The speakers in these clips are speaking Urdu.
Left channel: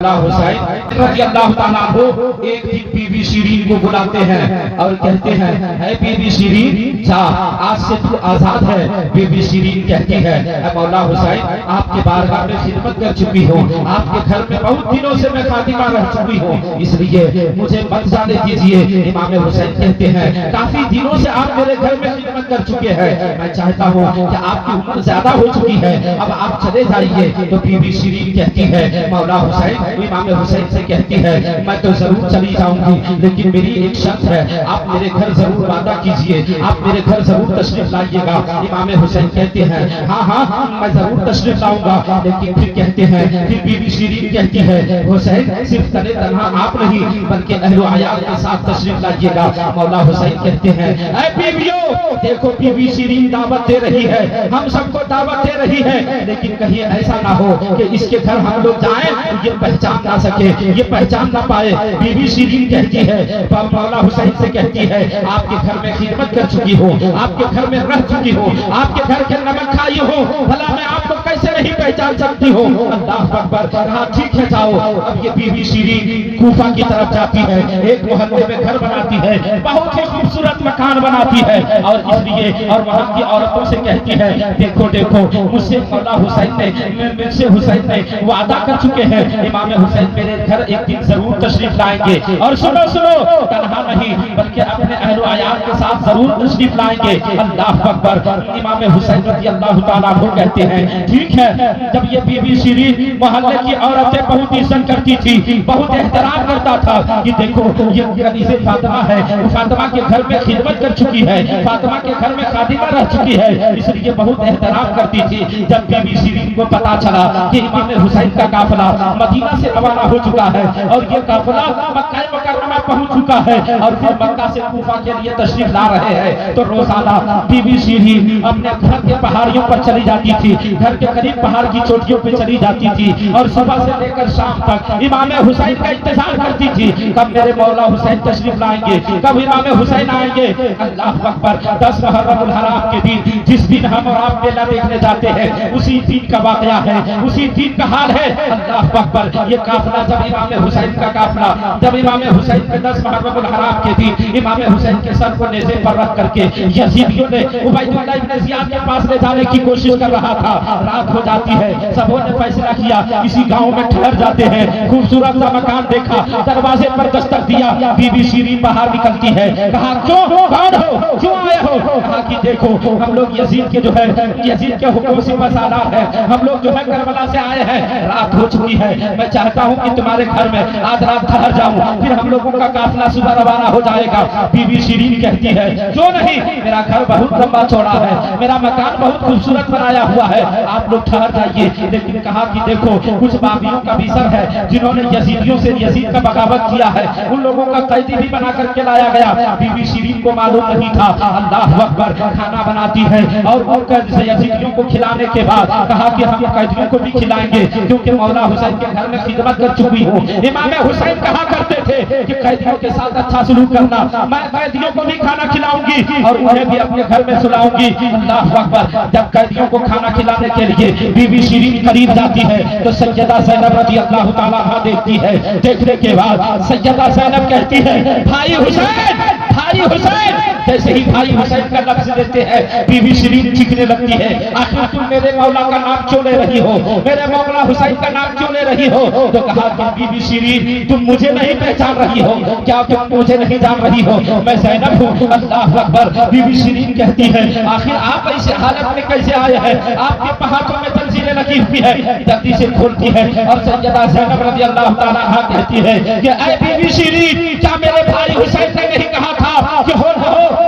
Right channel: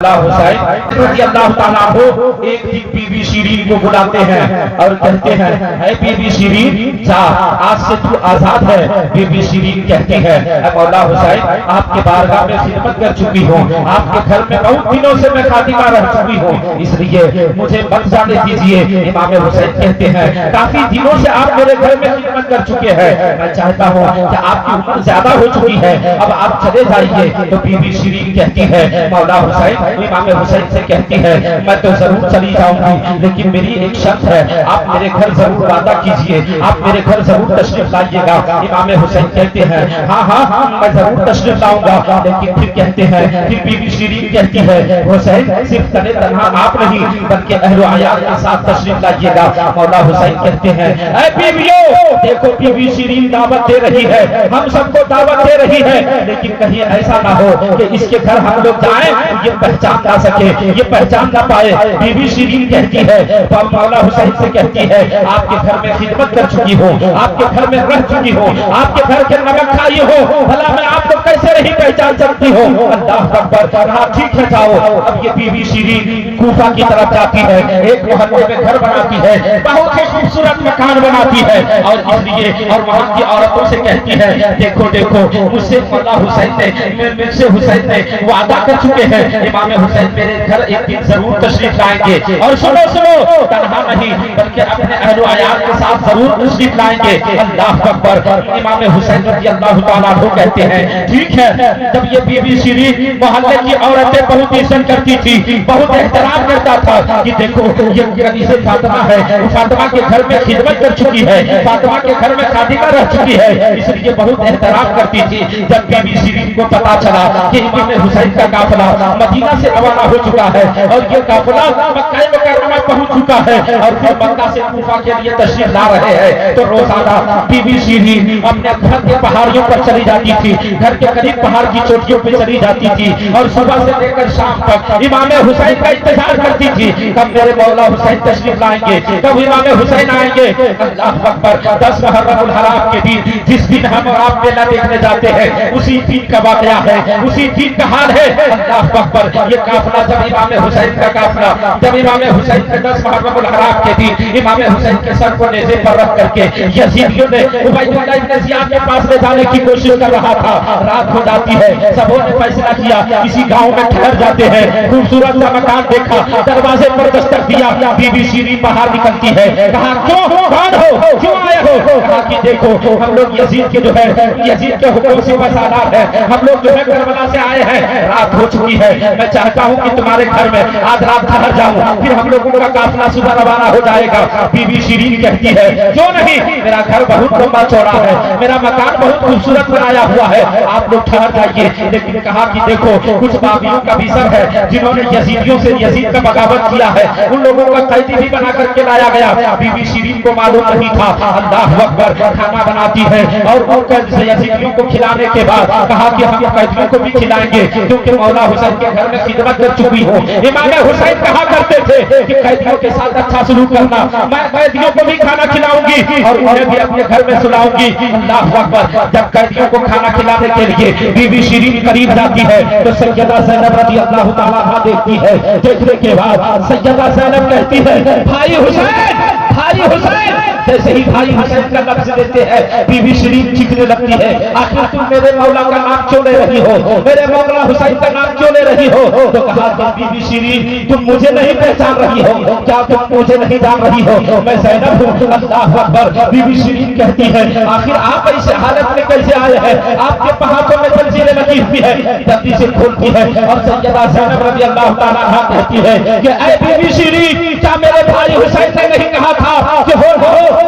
حسین رضی اللہ تعالیٰ عنہ ایک دن بی بی شیرین کو بلاتے ہیں اور کہتے ہیں اے بی بی شیرین جا آج سے تو آزاد ہے۔ بی بی شیرین کہتی ہے اے مولا حسین آپ کے بارگاہ میں خدمت کر چکی ہوں، آپ کے گھر میں بہت دنوں سے میں خادمہ رہ چکی ہوں، اس لیے مجھے مت جانے دیجیے۔ امام حسین کہتے ہیں کافی دنوں سے آپ میرے گھر میں خدمت کر چکے ہیں، میں چاہتا ہوں کہ آپ کی عمر زیادہ ہو چکی ہے، اب آپ چلے جائیے۔ تو بی بی شیرین کہتی ہے مولا حسین امام حسین سے کہتی ہے میں تو ضرور چلی جاؤں گی، لیکن میری ایک شرط ہے، آپ میرے گھر ضرور وعدہ کیجئے، آپ میرے گھر ضرور تشریف لائیے گا۔ امام حسین کہتے ہیں ہاں ہاں میں ضرور تشریف لاؤں گا، لیکن پھر کہتے ہیں پھر بی بی شیرین کہتی ہے حسین صرف تنے تنہا آپ نہیں بلکہ اہل و عیال کے ساتھ تشریف لائیے گا۔ مولا حسین کہتے ہیں اے بیویو دیکھو بی بی شیرین دعوت دے رہی ہے، ہم سب کو دعوت دے رہی ہے، لیکن کہیں ایسا نہ ہو کہ اس کے گھر ہم لوگ جائیں یہ پہچان نہ سکے، یہ پہچان نہ پائے۔ بی بی شیرین کہتی ہے مولا حسین سے کہتی ہے آپ کے گھر میں خدمت کر چکی ہوں، آپ کے گھر میں رہ چکی ہوں، آپ کے گھر کے نمک کھائی ہوں، بھلا میں آپ کو کیسے نہیں پہچان سکتی ہوں؟ اللہ اکبر۔ کہا ٹھیک ہے جاؤ۔ اب یہ بی بی شیرین کوفہ کی طرف جاتی ہے، ایک محلے میں گھر بناتی ہے، بہت ہی خوبصورت مکان بناتی ہے، اور اس لیے اور وہاں کی عورتوں سے کہتی ہے دیکھو دیکھو مجھ سے مولا حسین نے مجھ سے حسین نے وعدہ کر چکے ہیں، امام حسین میرے گھر ایک دن ضرور تشریف لائیں گے، اور سنو سنو تنہا نہیں بلکہ اپنے اہل و عیال کے ساتھ ضرور تشریف لائیں گے۔ اللہ اکبر۔ امام حسین رضی اللہ تعالیٰ عنہ کہتے ہیں ٹھیک ہے۔ جب یہ بی بی شیرین محلے کی عورتیں بہت عزت کرتی تھی، بہت احترام کرتا تھا کہ دیکھو یہ کنیز فاطمہ ہے، فاطمہ کے گھر میں خدمت کر چکی ہے، فاطمہ کے گھر میں خادمہ رہ چکی ہے، اس لیے بہت احترام کرتی تھی۔ جب بی بی شیرین کو پتا چلا کہ امام حسین کا قافلہ مدینہ سے روانہ ہو چکا ہے اور یہ قافلہ مکہ مکرمہ پہنچ چکا ہے اور پھر مکہ سے کوفہ کے لیے تشریف لا رہے ہیں، تو روزانہ بی بی شیرین اپنے گھر کے پہاڑیوں پر چلی جاتی تھی، گھر کے قریب پہاڑ کی چوٹیوں پہ چلی جاتی تھی، اور صبح سے لے کر شام تک امام حسین کا انتظار کرتی تھی کب میرے مولا حسین تشریف لائیں گے، کب امام حسین آئیں گے۔ اللہ اکبر۔ 10 محرم الحرام کے دن جس دن ہم اور آپ میلہ دیکھنے جاتے ہیں اسی دن کا واقعہ ہے، اسی دن کا حال ہے۔ اللہ اکبر۔ یہ قافلہ جب امام حسین کا قافلہ جب امام حسین کے 10 محرم الحرام کے دن امام حسین کے سر کو نیزے پر رکھ کر کے یزیدیوں نے عبید اللہ ابن زیاد کے پاس لے جانے کی کوشش کر رہا تھا، رات ہو جاتی ہے، سبوں نے فیصلہ کیا کسی گاؤں میں ٹھہر جاتے ہیں، خوبصورت سا مکان دیکھا، دروازے پر دستک دیا، بی بی شیرین باہر نکلتی ہے، کہا کیوں کون ہو کیوں آئے ہو؟ کہا کہ دیکھو ہم لوگ یزید کے جو ہے یزید کے حکم سے وسالات ہیں، ہم لوگ جو ہے کربلا سے آئے ہیں، رات ہو چکی ہے، میں چاہتا ہوں کہ تمہارے گھر میں آج رات ٹھہر جاؤں، پھر ہم لوگوں کا قافلہ صبح روانہ ہو جائے گا۔ بی بی شیرین کہتی ہے کیوں نہیں، میرا گھر بہت لمبا چوڑا ہے، میرا مکان بہت خوبصورت بنایا ہوا ہے، آپ لوگ ٹھہر جائیے۔ لیکن کہا کہ دیکھو کچھ باغیوں کا بھی سر ہے جنہوں نے یزیدیوں سے یزید کا بغاوت کیا ہے، ان لوگوں کا قیدی بھی بنا کر کے لایا گیا۔ بی بی شیرین کو معلوم نہیں تھا۔ اللہ اکبر۔ کھانا بناتی ہے اور ان کو یزیدیوں کو کھلانے کے بعد کہا کہ ہم قیدیوں کو بھی کھلائیں گے کیونکہ مولا حسین کے گھر میں خدمت کر چکی ہوں۔ امام حسین کہا کرتے تھے کہ قیدیوں کے ساتھ اچھا سلوک کرنا، میں قیدیوں کو بھی کھانا کھلاؤں گی اور انہیں بھی اپنے گھر میں سلاؤں گی۔ اللہ اکبر۔ جب قیدیوں کو کھانا کھلانے کے لیے بی بی شیرین قریب جاتی ہے تو سیدہ زینب رضی اللہ تعالیٰ عنہا دیکھتی ہے، دیکھنے کے بعد سیدہ زینب کہتی ہے بھائی حسین بھائی حسین۔ جیسے ہی بھائی حسین کا لفظ دیتے ہیں بی بی شیرین چیخنے لگتی ہے آخر تم میرے مولا کا نام کیوں لے رہی ہو، میرے مولا حسین کا نام کیوں لے رہی ہو؟ تو کہا کہ بی بی شیرین تم مجھے نہیں پہچان رہی ہو کیا، تم مجھے نہیں جان رہی ہو، میں زینب ہوں۔ اللہ اکبر۔ بی بی شیرین کہتی ہے آخر آپ ایسے حالت میں کیسے آئے ہیں، آپ کے پہاڑوں میں زنجیریں لگی ہوئی ہے۔ جلدی سے کھولتی ہے اور سیدہ زینب رضی اللہ تعالیٰ عنہا کہتی ہے کہ اے بی بی شیرین کیا میرے بھائی حسین نے نہیں کہا تھا کہ ہو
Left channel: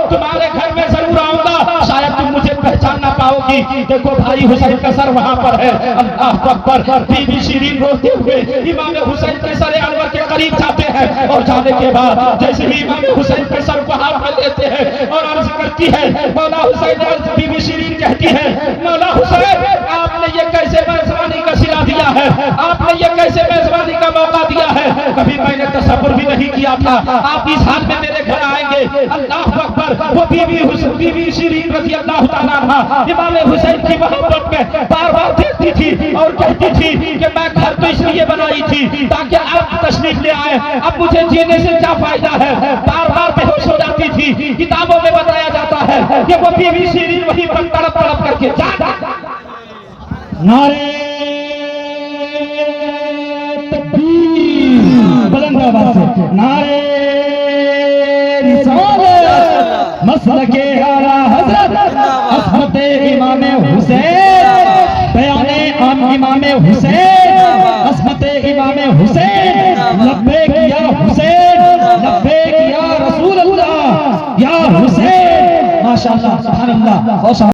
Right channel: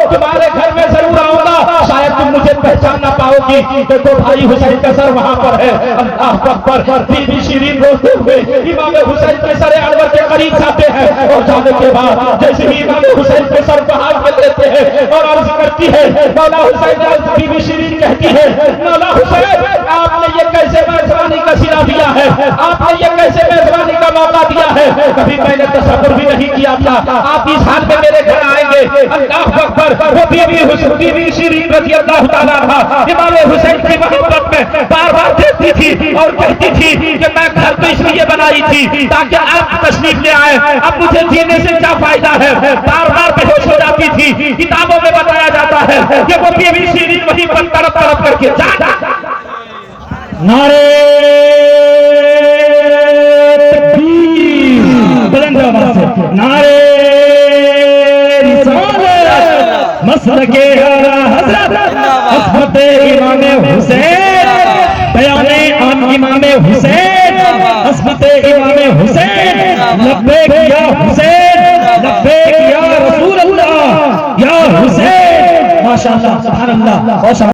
تمہارے گھر میں ضرور آؤں گا، شاید تم مجھے پہچان نہ پاؤ گی، دیکھو بھائی حسین کا سر وہاں پر ہے۔ اللہ اکبر۔ بی بی شیرین روتے ہوئے امام حسین کے سر انور کے قریب جاتے ہیں اور جانے کے بعد جیسے ہی امام حسین کے سر کو ہاتھ میں لیتے ہیں اور عرض کرتی ہے مولا حسین، بی بی شیرین کہتی ہے مولا حسین آپ نے یہ کیسے میزبانی سلا دیا ہے، آپ نے یہ کیسے میزبانی کا موقع دیا ہے، کبھی میں نے تصور بھی نہیں کیا تھا آپ اس حال میں میرے گھر آئیں گے۔ اللہ اکبر۔ وہ بی بی شیرین رضی اللہ تعالیٰ عنہ امام حسین کی محبت میں بار بار دیکھتی تھی اور کہتی تھی کہ میں گھر تو اس لیے بنائی تھی تاکہ آپ تشریف لے آئے، اب مجھے جینے سے کیا فائدہ ہے، بار بار بے ہوش ہو جاتی تھی۔ کتابوں میں بتایا جاتا ہے کہ وہ بی بی شیرین وہیں پر تڑپ تڑپ کر کے جانا۔ نعرے تکبیر، بلند آواز سے نعرے رسالت، مسلک اعلیٰ حضرت عصمت امام حسین، بیان عام امام حسین، عصمت امام حسین، لبیک یا حسین، لبیک یا رسول اللہ، یا حسین۔ ماشاءاللہ، سبحان اللہ۔